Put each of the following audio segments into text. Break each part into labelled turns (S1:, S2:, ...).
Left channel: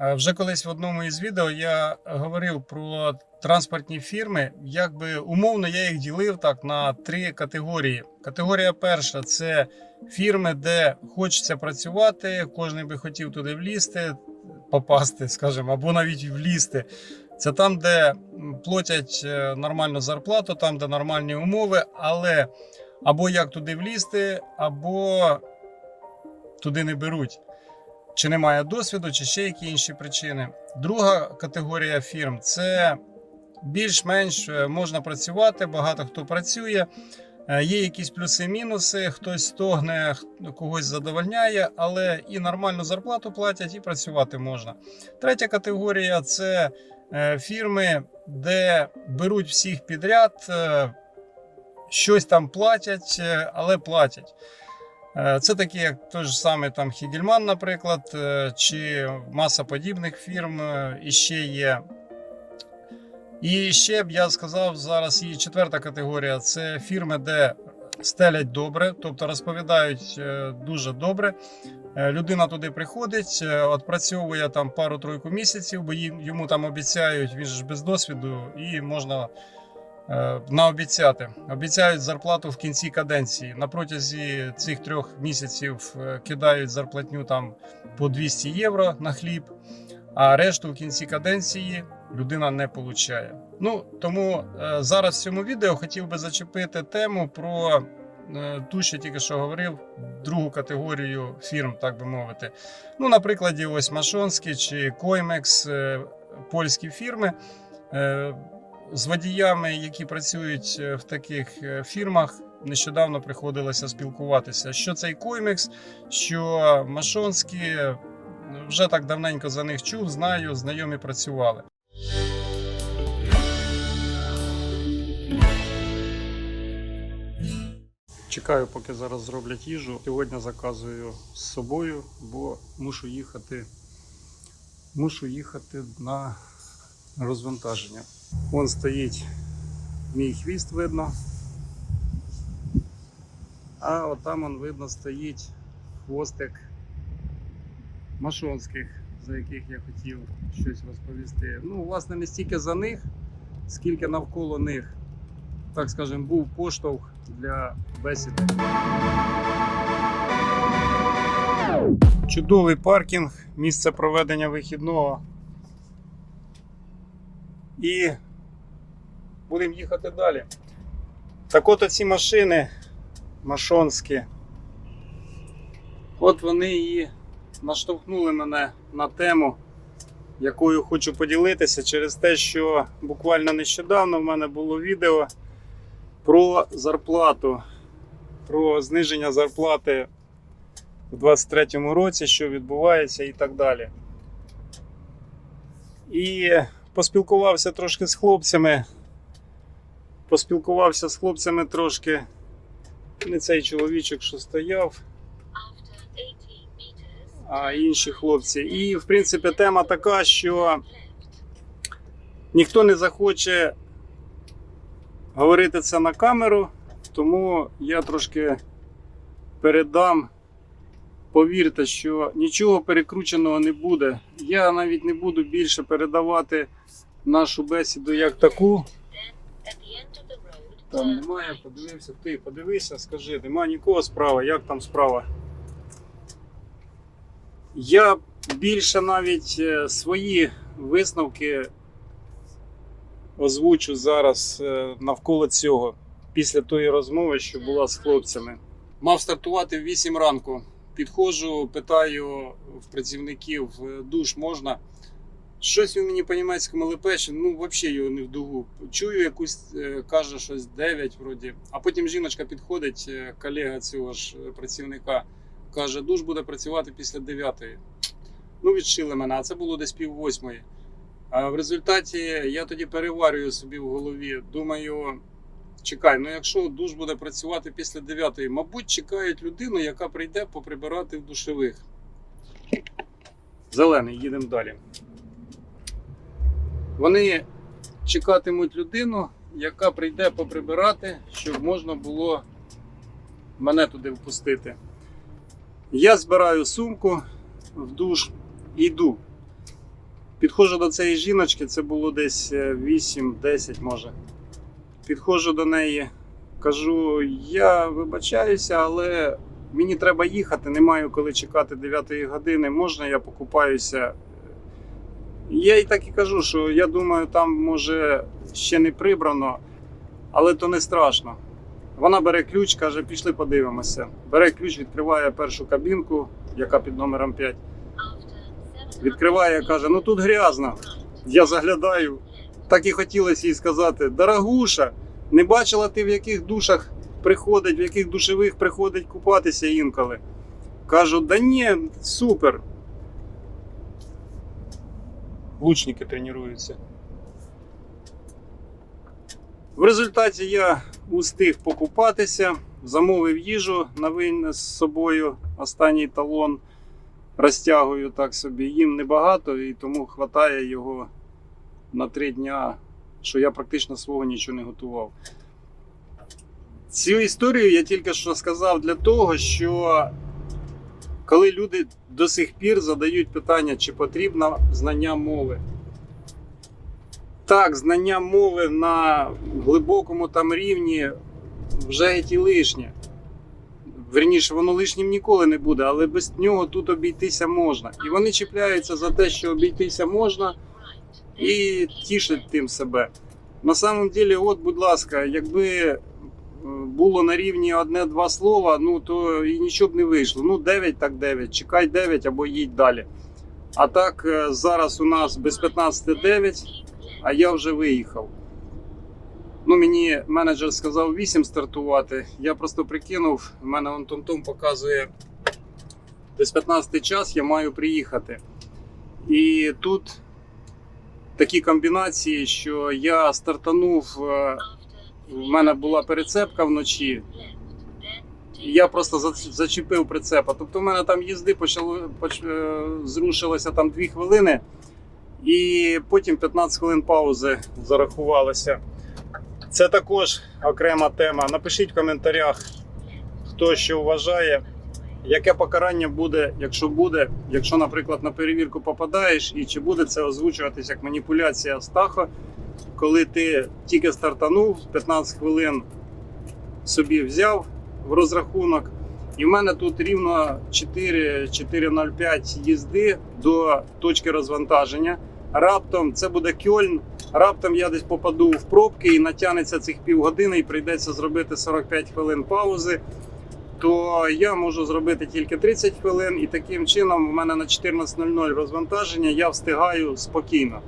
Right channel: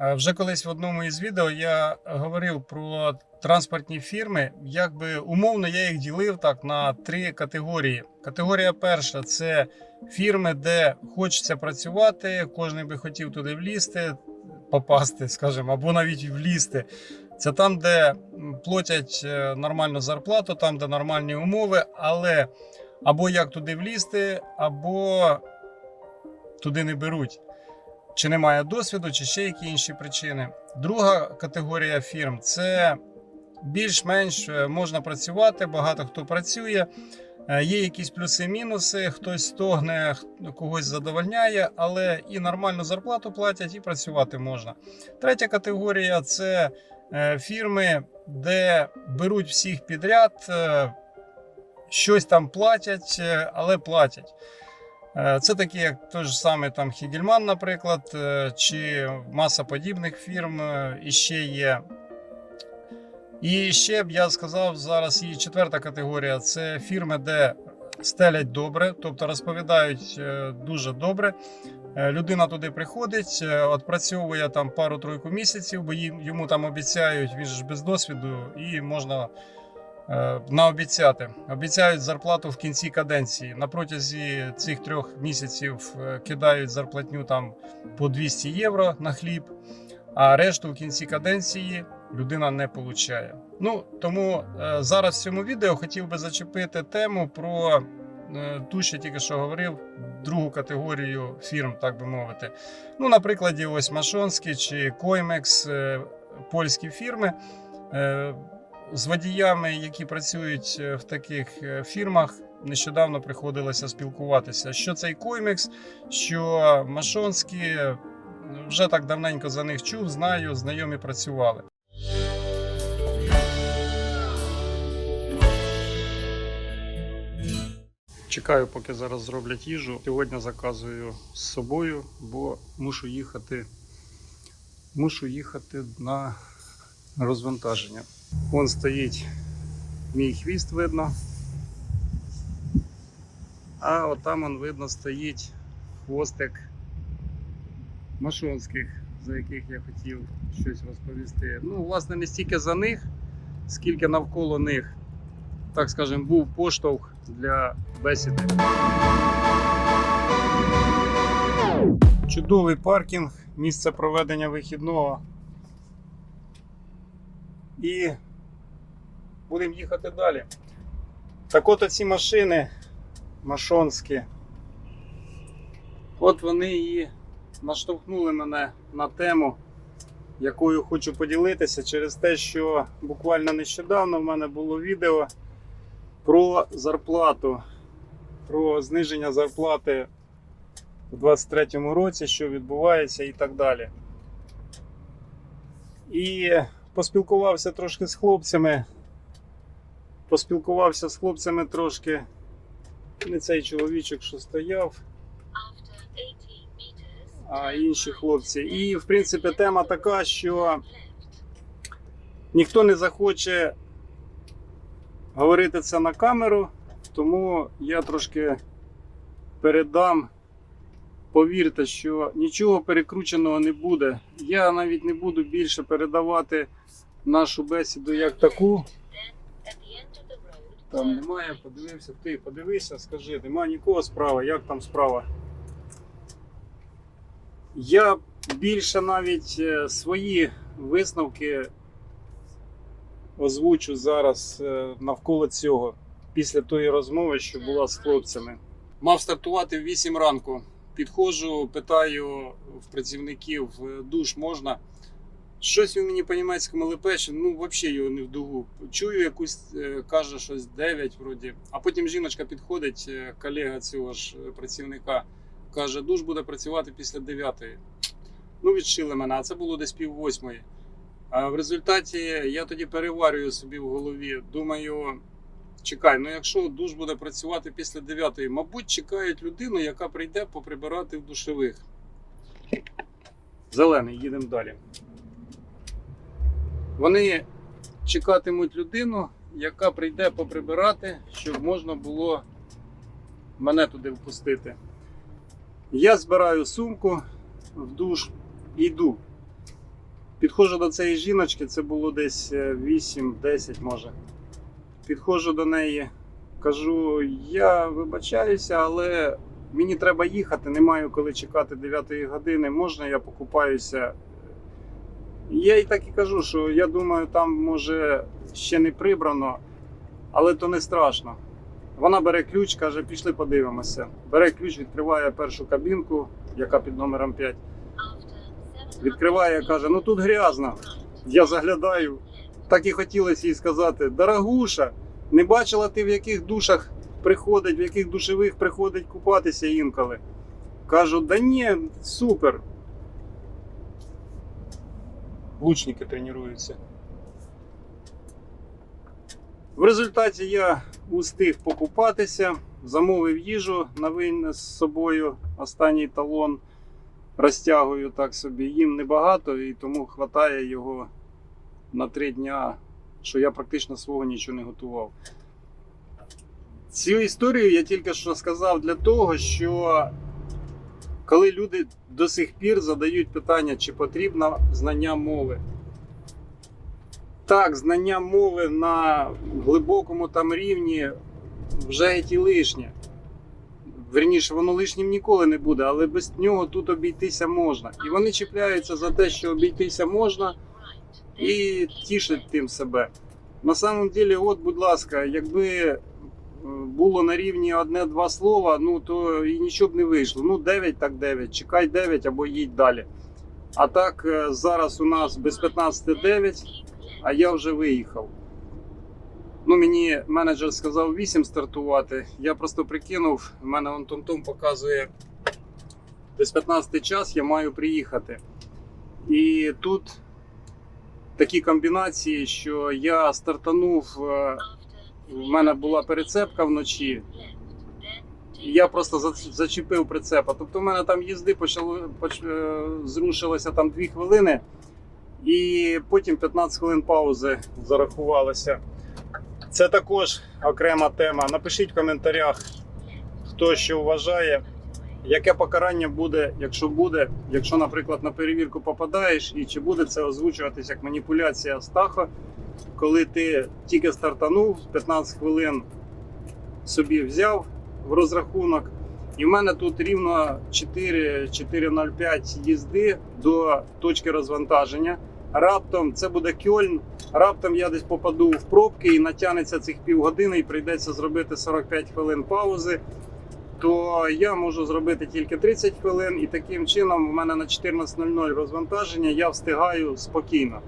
S1: Е, Вже колись в одному із відео я говорив про транспортні фірми. Якби умовно я їх ділив так на три категорії. Категорія перша це фірми, де хочеться працювати, кожен би хотів туди влізти, попасти, скажімо, або навіть влізти. Це там, де платять е, нормальну зарплату, там, де нормальні умови, але або як туди влізти, або туди не беруть. Чи немає досвіду, чи ще які інші причини. Друга категорія фірм це більш-менш е, можна працювати, багато хто працює. Е, Є якісь плюси-мінуси, хтось стогне, когось задовольняє, але і нормальну зарплату платять, і працювати можна. Третя категорія це е, фірми, де беруть всіх підряд, щось там платять, але платять. Е, Це такі, як той ж самий там Хігельман, наприклад, е, чи маса подібних фірм е, іще є. І ще б я сказав, зараз є четверта категорія це фірми, де стелять добре, тобто розповідають дуже добре. Людина туди приходить, відпрацьовує там пару-тройку місяців, бо йому там обіцяють, він ж без досвіду, і можна наобіцяти. Обіцяють зарплату в кінці каденції. На протязі цих трьох місяців е, кидають зарплатню там по 200 євро на хліб, а решту в кінці каденції людина не получає. Ну тому е, зараз в цьому відео хотів би зачепити тему про е, ту, що тільки що говорив, другу категорію фірм, так би мовити. Ну, на прикладі, ось Машонські чи Коймекс, е, польські фірми. З водіями, які працюють е, в таких е, фірмах, нещодавно приходилося спілкуватися. Що цей Коймекс, що Машонські, вже так давненько за них чув, знаю, знайомі працювали. Чекаю, поки зараз зроблять їжу. Сьогодні заказую з собою, бо мушу їхати. Мушу їхати на розвантаження. Вон стоїть мій хвіст видно. А отам он видно стоїть хвостик машонських, за яких я хотів щось розповісти. Ну, власне, не стільки за них, скільки навколо них, так скажемо, був поштовх для бесіди. Чудовий паркінг, місце проведення вихідного. І будемо їхати далі. Так от оці машини машонські. От вони і наштовхнули мене на тему, якою хочу поділитися через те, що буквально нещодавно в мене було відео про зарплату, про зниження зарплати у 2023 році, що відбувається і так далі. І поспілкувався трошки з хлопцями. Поспілкувався з хлопцями трошки. Не цей чоловічок, що стояв, а інші хлопці. І, в принципі, тема така, що ніхто не захоче говорити це на камеру, тому я трошки передам. Повірте, що нічого перекрученого не буде. Я навіть не буду більше передавати нашу бесіду як таку. Там немає, подивився. Ти подивися, скажи, нема нікого справа, як там справа? Я більше навіть е, свої висновки озвучу зараз е, навколо цього, після тої розмови, що була з хлопцями. Мав стартувати в 8 ранку. Підходжу, питаю в працівників е, душ можна. Щось він мені по-німецькому лепече, ну взагалі його не в дугу. Чую якусь, е, каже щось 9 вроді. А потім жіночка підходить, е, колега цього ж працівника, каже, душ буде працювати після 9. Ну, відшили мене, а це було десь пів восьмої. А в результаті я тоді переварюю собі в голові. Думаю, чекай, ну якщо душ буде працювати після 9, мабуть, чекають людину, яка прийде поприбирати в душевих. Зелений, їдемо далі. Вони чекатимуть людину, яка прийде поприбирати, щоб можна було мене туди впустити. Я збираю сумку в душ і йду. Підходжу до цієї жіночки, це було десь е, 8-10 може. Підходжу до неї, кажу: я вибачаюся, але мені треба їхати, не маю коли чекати 9 години. Можна я покупаюся? Я їй так і кажу, що я думаю, там може ще не прибрано, але то не страшно. Вона бере ключ, каже, пішли подивимося. Бере ключ, відкриває першу кабінку, яка під номером 5. Відкриває, каже: ну тут грязно. Я заглядаю. Так і хотілося їй сказати: дорогуша, не бачила ти в яких душах приходить, в яких душевих приходить купатися інколи. Кажу, да ні, супер. Лучники тренуються. В результаті я устиг покупатися, замовив їжу на винес з собою останній талон. Розтягую так собі. Їм небагато і тому хватає його на три дня, що я практично свого нічого не готував. Цю історію я тільки що сказав для того, що коли люди до сих пір задають питання, чи потрібно знання мови. Так, знання мови на глибокому там рівні вже геть і лишнє. Верніше, воно лишнім ніколи не буде, але без нього тут обійтися можна. І вони чіпляються за те, що обійтися можна, і тішать тим себе. На самом деле, от, будь ласка, якби е, було на рівні одне-два слова, ну то і нічого б не вийшло. Ну, 9 так 9, чекай 9 або їдь далі. А так, е, зараз у нас без 15 9, а я вже виїхав. Ну, мені менеджер сказав 8 стартувати. Я просто прикинув, в мене он том-том показує десь 15 час, я маю приїхати. І тут такі комбінації, що я стартанув, е, в мене була перецепка вночі. Я просто зачепив прицепа. Тобто в мене там їзди почало, поч, е, зрушилося там 2 хвилини, і потім 15 хвилин паузи зарахувалося. Це також окрема тема. Напишіть в коментарях, хто що вважає, яке покарання буде, якщо буде, якщо, наприклад, на перевірку попадаєш, і чи буде це озвучуватись як маніпуляція стахо, коли ти тільки стартанув, 15 хвилин собі взяв в розрахунок. І в мене тут рівно 4 4,05 їзди до точки розвантаження. Раптом це буде Кьольн, раптом я десь попаду в пробки і натягнеться цих півгодини, і прийдеться зробити 45 хвилин паузи, то я можу зробити тільки 30 хвилин, і таким чином у мене на 14.00 розвантаження я встигаю спокійно.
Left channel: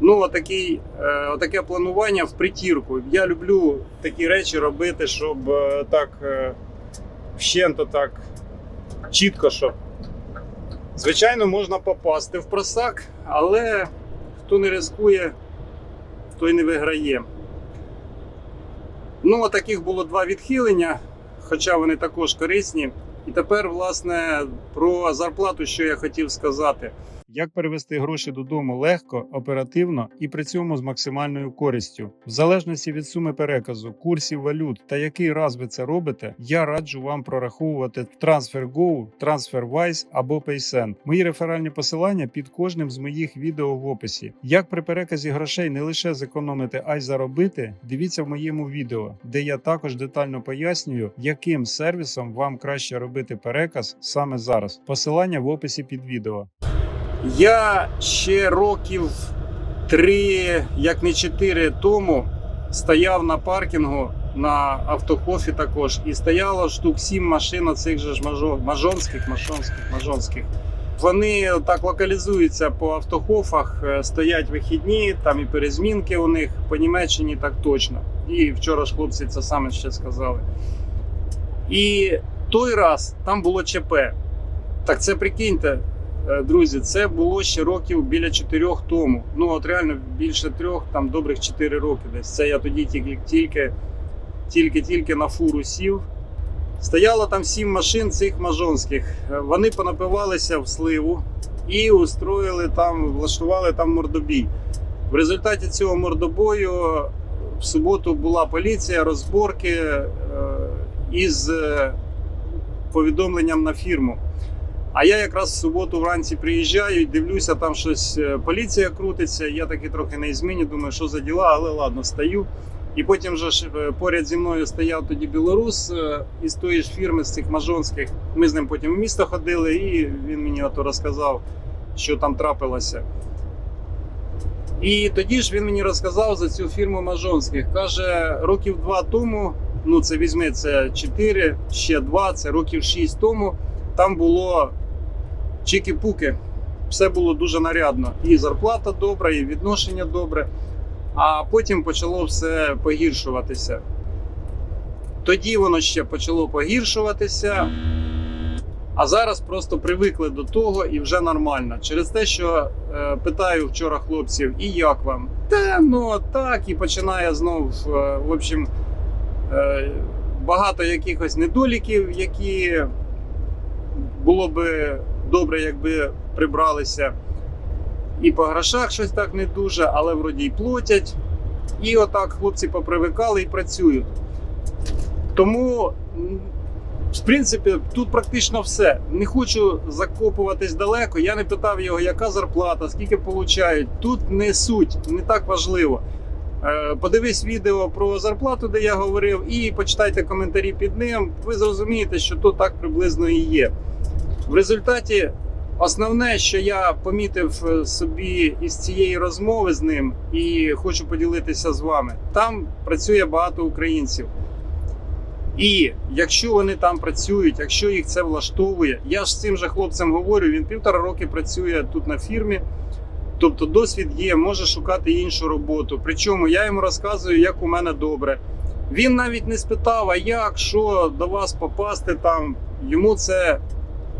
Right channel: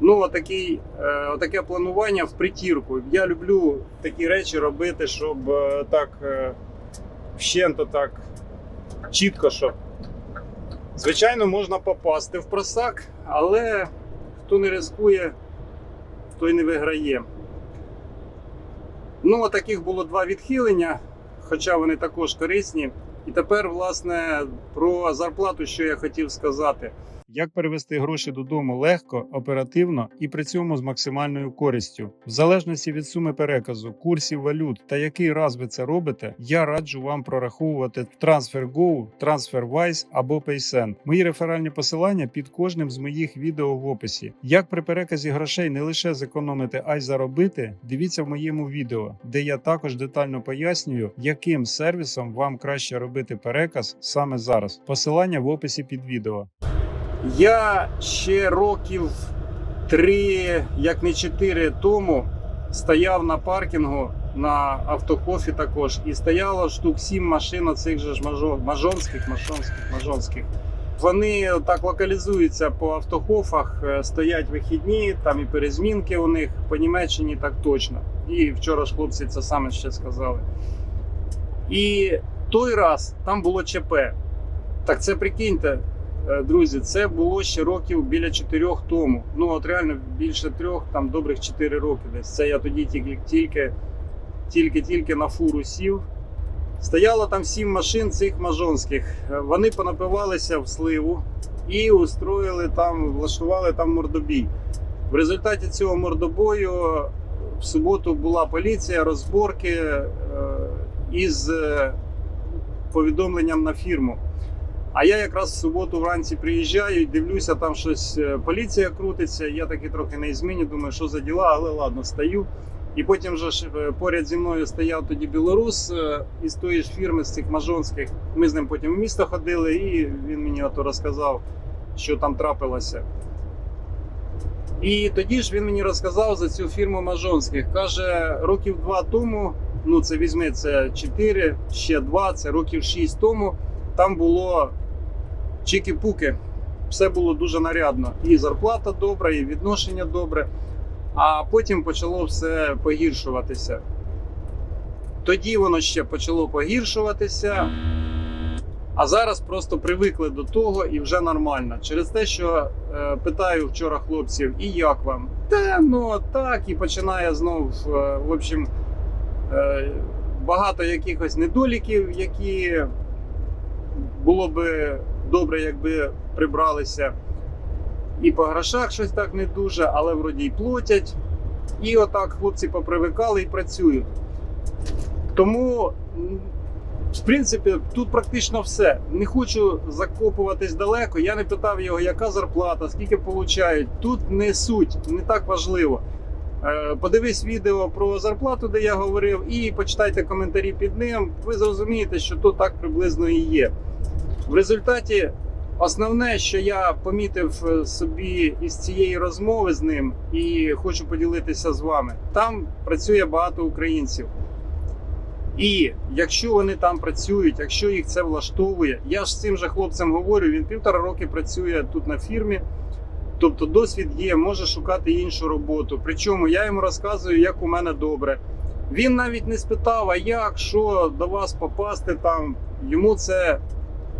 S1: Ну, отакий, е, отаке планування в притірку. Я люблю такі речі робити, щоб е, так е, вщенто так чітко, щоб. Звичайно, можна попасти в просак, але хто не ризикує, той не виграє. Ну, таких було два відхилення, хоча вони також корисні. І тепер, власне, про зарплату, що я хотів сказати. Як перевести гроші додому легко, оперативно і при цьому з максимальною користю, в залежності від суми переказу, курсів валют та який раз ви це робите, я раджу вам прораховувати TransferGo, TransferWise або PaySend. Мої реферальні посилання під кожним з моїх відео в описі. Як при переказі грошей не лише зекономити, а й заробити, дивіться в моєму відео, де я також детально пояснюю, яким сервісом вам краще робити переказ саме зараз. Посилання в описі під відео. Я ще років три, як не чотири тому, стояв на паркінгу на автохофі також, і стояло штук сім машин оцих же ж мажо- мажонських, мажонських, мажонських. Вони так локалізуються по автохофах, е, стоять вихідні, там і перезмінки у них по Німеччині так точно. І вчора ж хлопці це саме ще сказали. І той раз там було ЧП. Так це прикиньте, Друзі, це було ще років біля чотирьох тому. Ну от реально більше трьох, там добрих чотири роки десь. Це я тоді тільки тільки, тільки, тільки на фуру сів. Стояло там сім машин цих мажонських. Е, Вони понапивалися в сливу і устроїли там, влаштували там мордобій. В результаті цього мордобою в суботу була поліція, розборки е, із е, повідомленням на фірму. А я якраз в суботу вранці приїжджаю і дивлюся, там щось е, поліція крутиться. Я таки трохи не зміні, думаю, що за діла, але ладно, стою. І потім же ж е, поряд зі мною стояв тоді білорус е, із тої ж фірми, з цих мажонських. Ми з ним потім в місто ходили, і він мені ото розказав, що там трапилося. І тоді ж він мені розказав за цю фірму Мажонських. Каже, років два тому, ну це візьми, це 4, ще 2, це років 6 тому. Там було чики-пуки. Все було дуже нарядно. І зарплата добра, і відношення добре. А потім почало все погіршуватися. Тоді воно ще почало погіршуватися. А зараз просто привикли до того і вже нормально. Через те, що е, питаю вчора хлопців, і як вам? Та ну так, і починає знов. е, в общем, е, багато якихось недоліків, які було би добре, якби прибралися. І по грошах щось так не дуже, але вроді й платять. І отак хлопці попривикали і працюють. Тому, в принципі, тут практично все. Не хочу закопуватись далеко. Я не питав його, яка зарплата, скільки получають. Тут не суть, не так важливо. Е, Подивись відео про зарплату, де я говорив, і почитайте коментарі під ним. Ви зрозумієте, що тут так приблизно і є. В результаті, основне, що я помітив е, собі із цієї розмови з ним, і хочу поділитися з вами, там працює багато українців. І якщо вони там працюють, якщо їх це влаштовує, я ж з цим же хлопцем говорю, він півтора роки працює тут на фірмі. Тобто досвід є, може шукати іншу роботу. Причому я йому розказую, як у мене добре. Він навіть не спитав, а як, що до вас попасти там. Йому це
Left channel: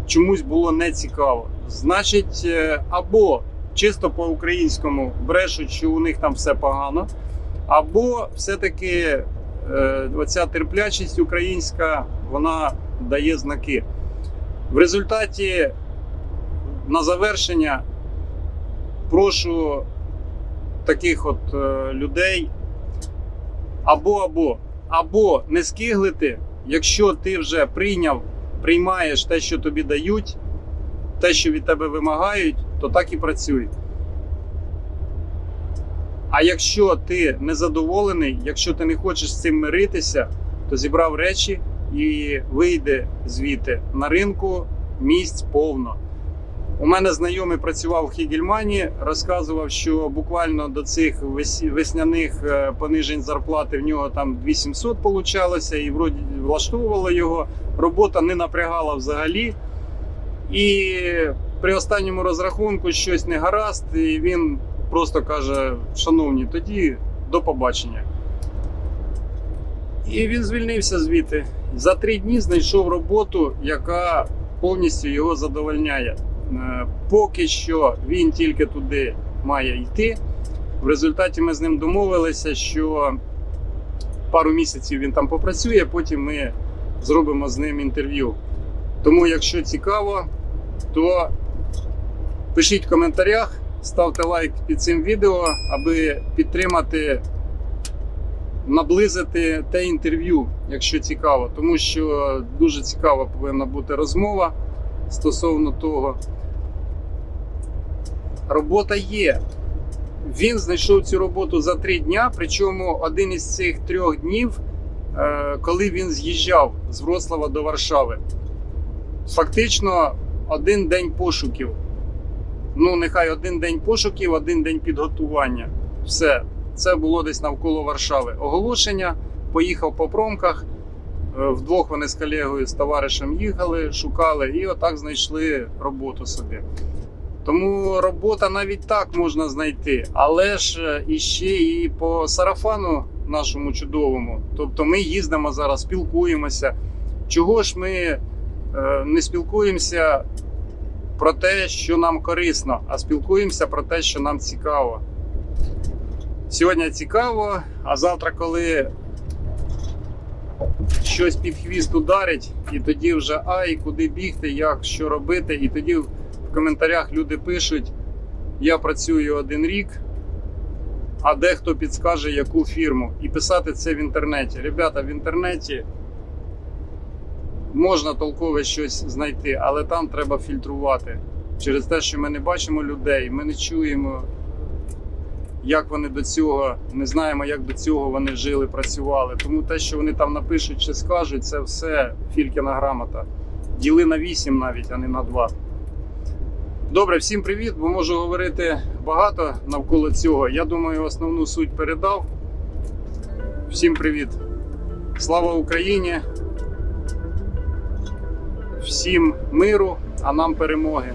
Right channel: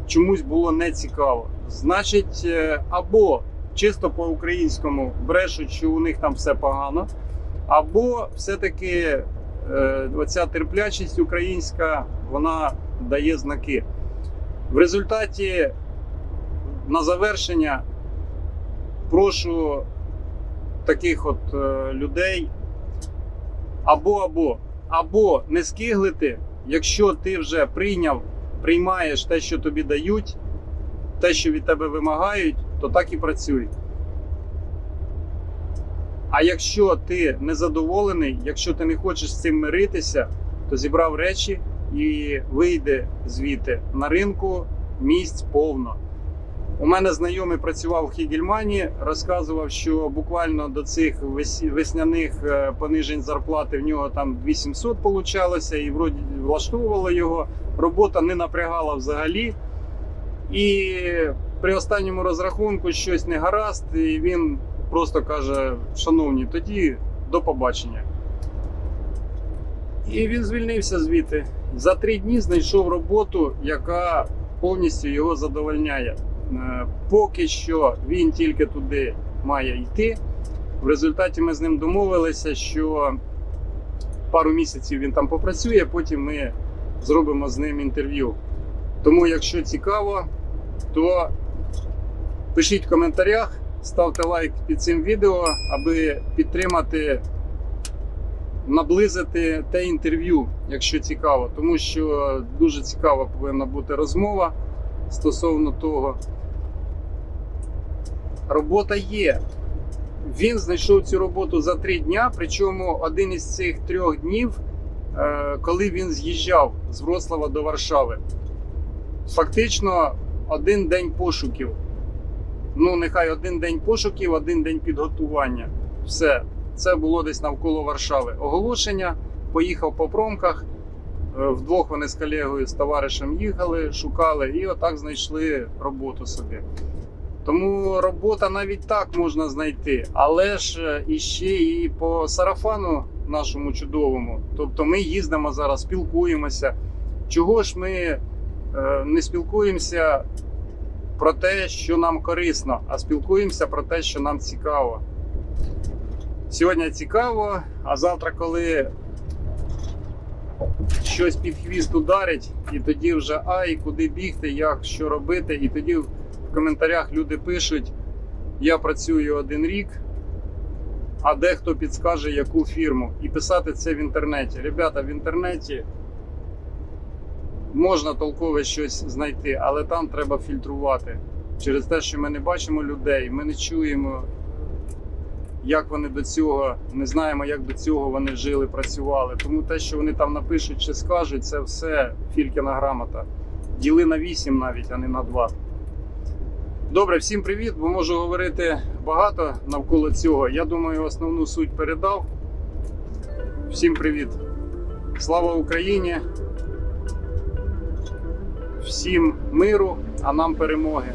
S1: чомусь було не цікаво. Значить, е, або чисто по-українському брешуть, що у них там все погано, або все-таки е, оця терплячість українська вона дає знаки. В результаті на завершення прошу таких от е, людей або або або не скиглити, якщо ти вже прийняв, приймаєш те, що тобі дають, те, що від тебе вимагають, то так і працюй. А якщо ти незадоволений, якщо ти не хочеш з цим миритися, то зібрав речі і вийде звідти на ринку місць повно. У мене знайомий працював в Хігельмані, розказував, що буквально до цих весняних е, понижень зарплати в нього там 2700 получалося, і вроді влаштовувало його. Робота не напрягала взагалі. І при останньому розрахунку щось не гаразд, і він просто каже: Шановні, тоді до побачення. І він звільнився звідти. За три дні знайшов роботу, яка повністю його задовольняє. Е, Поки що він тільки туди має йти. В результаті ми з ним домовилися, що пару місяців він там попрацює, потім ми зробимо з ним інтерв'ю. Тому, якщо цікаво, то пишіть в коментарях, ставте лайк під цим відео, аби підтримати, наблизити те інтерв'ю, якщо цікаво. Тому що дуже цікава повинна бути розмова стосовно того. Робота є. Він знайшов цю роботу за три дня. Причому один із цих трьох днів, е, коли він з'їжджав з Вроцлава до Варшави, фактично один день пошуків. Ну, нехай один день пошуків, один день підготування. Все, це було десь навколо Варшави. Оголошення, поїхав по промках. Е, Вдвох вони з колегою, з товаришем їхали, шукали і отак знайшли роботу собі. Тому робота навіть так можна знайти, але ж е, іще і по сарафану нашому чудовому. Тобто ми їздимо зараз, спілкуємося. Чого ж ми е, не спілкуємося про те, що нам корисно, а спілкуємося про те, що нам цікаво. Сьогодні цікаво, а завтра, коли щось під хвіст ударить, і тоді вже ай, куди бігти, як що робити, і тоді в коментарях люди пишуть: я працюю один рік, а дехто підскаже, яку фірму. І писати це в інтернеті. Ребята, в інтернеті можна толкове щось знайти, але там треба фільтрувати. Через те, що ми не бачимо людей, ми не чуємо, як вони до цього, не знаємо, як до цього вони жили, працювали. Тому те, що вони там напишуть чи скажуть, це все фількіна грамота. Діли на 8 навіть, а не на 2. Добре, всім привіт, бо можу говорити багато навколо цього. Я думаю, основну суть передав. Всім привіт. Слава Україні! Всім миру, а нам перемоги.